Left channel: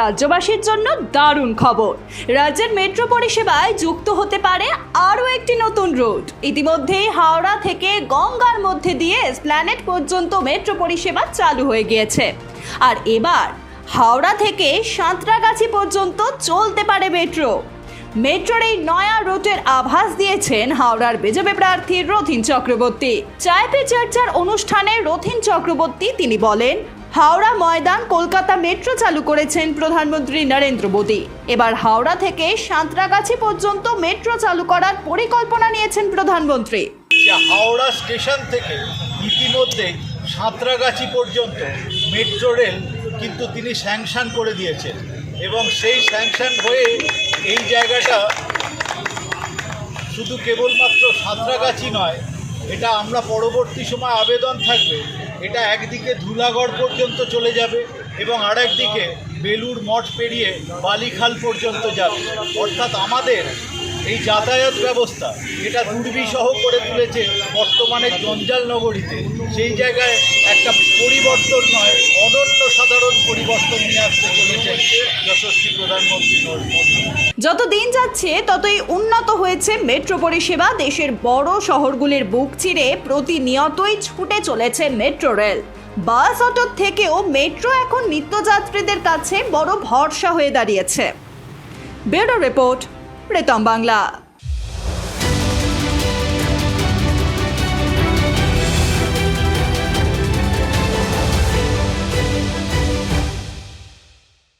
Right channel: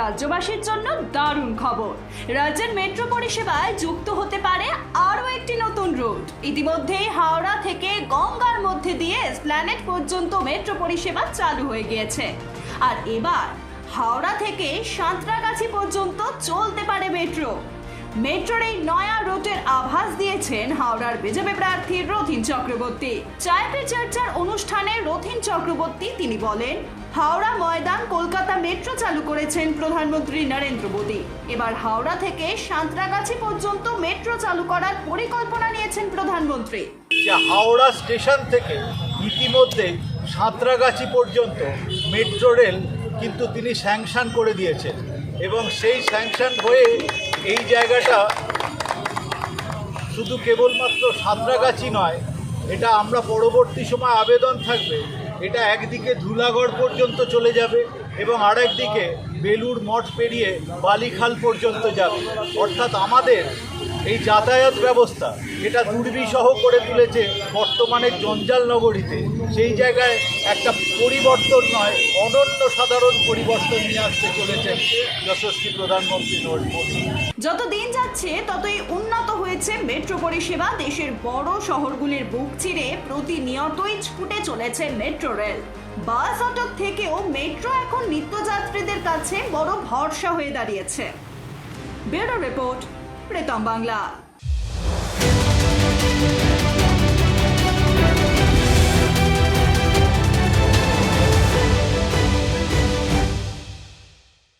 রাজ্যবাসীর জন্য দারুণ খবর। রাজ্যের মেট্রো পরিষেবায় যুক্ত হতে পারে আরও একটি নতুন রুট ইতিমধ্যেই হাওড়া থেকে গঙ্গার মধ্যে দিয়ে প্ল্যানেট পর্যন্ত মেট্রো পরিষেবা চালু হয়ে গিয়েছে। আর এবার হাওড়া থেকে সাঁতরাগাছি পর্যন্ত চলতে পারে মেট্রো। মেট্রোর এই নয়া রুটের আভাস দিয়েছেন হাওড়ার বিজেপি প্রার্থী রথিন চক্রবর্তী। চায় পে চর্চার অনুষ্ঠানে রথিন চক্রবর্তী তিনি বলেন হাওড়া ময়দান কলকাতা মেট্রো চালু করেছেন প্রধানমন্ত্রী নরেন্দ্র মোদী। এবার হাওড়া থেকে সাঁতরাগাছি পর্যন্ত মেট্রো চালু করার পরিকল্পনা নিয়েছেন প্রধানমন্ত্রী। হাওড়া স্টেশন থেকে ইতিমধ্যে সাঁতরাগাছি পর্যন্ত মেট্রো রেল কিন্তু তিনি স্যাংশন করে দিয়েছেন এবং সেই স্যাংশন হয়ে এই জায়গাটা শুধু কেবলমাত্র সাঁতরাগাছি নয়, এটা আমরা পরবর্তী সময় আবেদন থাকবে এটা একদিকে ধুলাগড় পর্যন্ত চলে যাবে এবং আরেকদিকে বেলুর মঠ পেরিয়ে বালিখাল পর্যন্ত যাবে। অর্থাৎ আমাদের এই যাতায়াত ব্যবস্থা এটা দুর্বিষহ করে তুলেছে বর্তমানে জঞ্জাল নগরীতে। সেই জায়গায় একটা পরিবর্তন নয়, অনন্য সাধারণ পরিবর্তন নিয়ে আসতে চলেছেন যশস্বী প্রধানমন্ত্রী নরেন্দ্র মোদী। যত দিন যাচ্ছে, ততই উন্নত হয়েছে মেট্রো পরিষেবা। দেশের বড় শহরগুলির বুক চিরে প্রতিনিয়তই ছুটে চলেছে মেট্রো রেল। বাস অটোর থেকেও মেট্রো এখন নিত্যযাত্রীদের কাছে বড় ভরসা হয়ে দাঁড়িয়েছে। Bureau report প্রেতম Bangla